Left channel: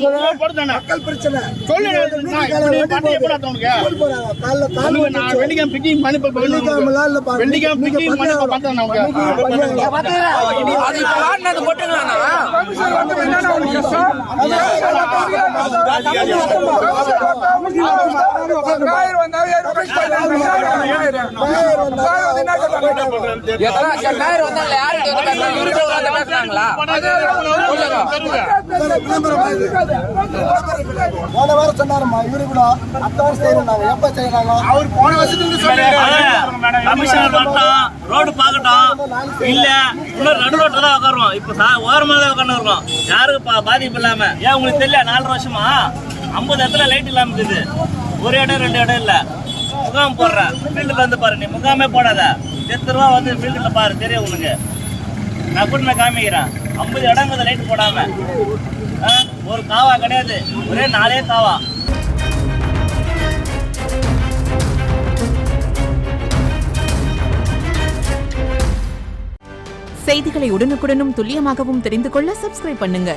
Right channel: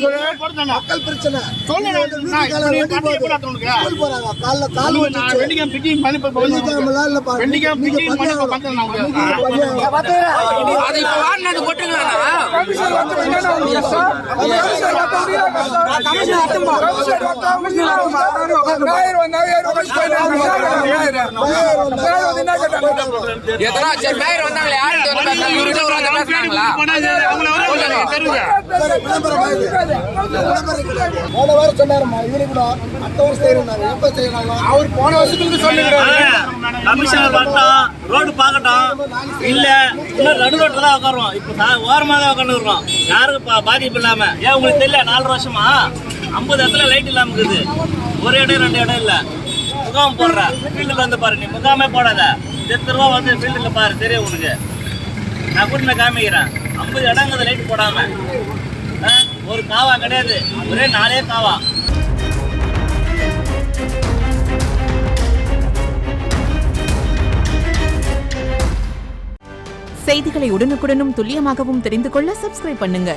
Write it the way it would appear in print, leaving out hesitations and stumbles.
மக்கள் பிரச்சனை போன வாரம் சொன்னாருமா இவரு கூட அடுத்த வாரம் செய்யறாங்க எப்ப செய்யறாங்க அவர் போன வருஷத்துக்கு ரோடு பாக்கட்டும் இல்ல இன்னும் நடு ரோட்ல தான் உட்காருவோம். இப்ப ஓரமா தான் உட்காந்து இருக்கோம். யாருக்கு பாதிப்பு இல்லாம. ஏன் உங்களுக்கு தெரியல 4 வருஷமா 50 இடத்துல லைட் இல்லாம இருக்குது. ஒரு இடம் 2 இடம் இல்ல. முகாம் போடுற ஃபீல்டுல வந்து பாரு. நீ முகாமே போடாத. 10 ரூபா வந்து ஃபீல்டுல பாரு, தெரியும் உனக்கு. நான் கூட நான் காமிக்கிறேன். 50 இடங்கிறது லைட் போடாம ஒரு காவா கிடையாது. ஒரே 4 காவா. செய்திகளை உடனுக்குடனும் துல்லியமாகவும் தெரிந்து கொள்ள சப்ஸ்கிரைப் பண்ணுங்க.